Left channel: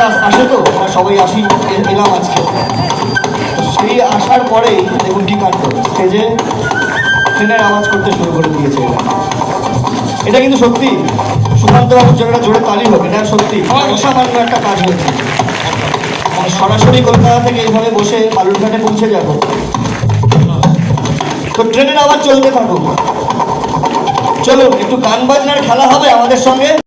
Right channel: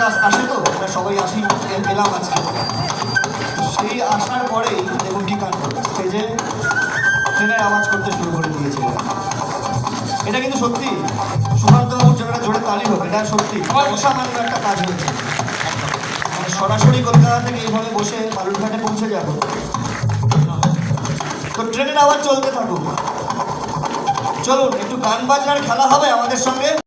Train আসে তো আমরা সবাই আসি, এলাম আজকে। সেই আসার পরেই দেখুন কি কাণ্ড, স্টেজে ট্রেনের আওয়াজ করতে শুরু করে দিয়েছে। এটা কিন্তু সত্যি সুকান্তবাবুর জন্য একটা জোরে তালি হবে, এটা সত্যি অসামান্য একটা কাজ হয়েছে। মানে সরাসরি কলকাতা থেকে এইভাবে বসে বালুরঘাটে পৌঁছে যাব, তো ট্রেনের আওয়াজ চলতে থাকুক। চলুন একটু গান বাজনার খেলা হবে আমাদের সঙ্গে।